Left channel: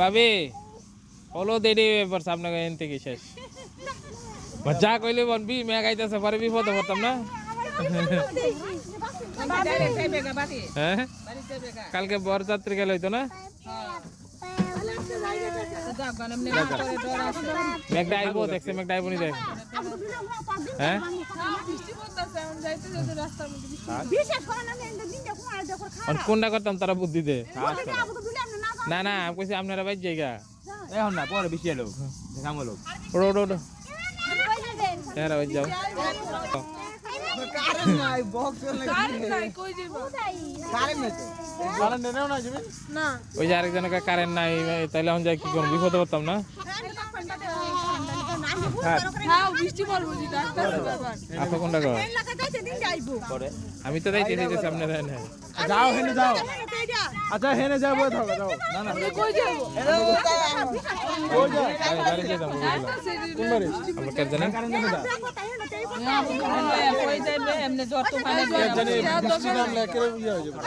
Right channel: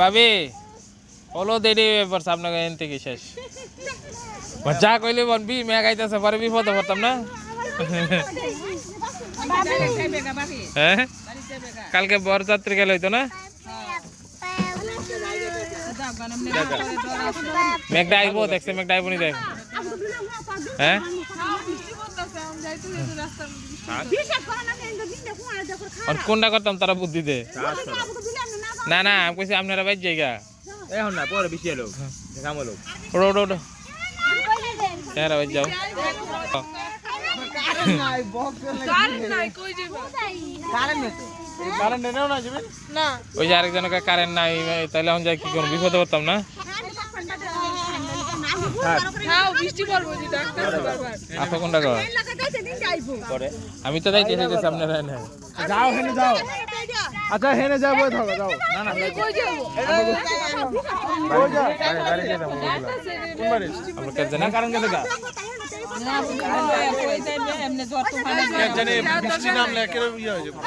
ভাবি হলো দেরি হয়ে পড়ছে আপনাকে এন থেকে শেষ যা কইলে বলবি মেঘ আইতেছে পরে বিপদে পড়তাম না। হ্যাঁ কালকে বরযাত্রী গেল হইতো না। মেঘটা আইবো দেখছে মেঘটা আইবো নি দেখ। হ্যাঁ আর কোনটা করতাম তারা বুদ্ধি দে না না আমি কইছি আপনারা বাইর জায়গা এখন না পরে বেশি এলো দেখাম লোক ওড়ো ওড়ো ওড়ো হ্যাঁ বাইর যাও। ওই যে আরেকজনের কারেন্ট নাই তাহলে এখন যাই কি করবো বিপদে পড়তাম না। আপা কোনটা কর আমি তো যাইতে চাইতেছি আপনারা যাও হেনে যাও আচ্ছা হেনে যাও বই থাকো যাও না না বাড়ি দিয়ে যাবো কোন বাড়ি আমরা কাজ জানি কারণ জানি না জানি বৃষ্টি নামলে কেন ইয়ে হয়ে যাবে।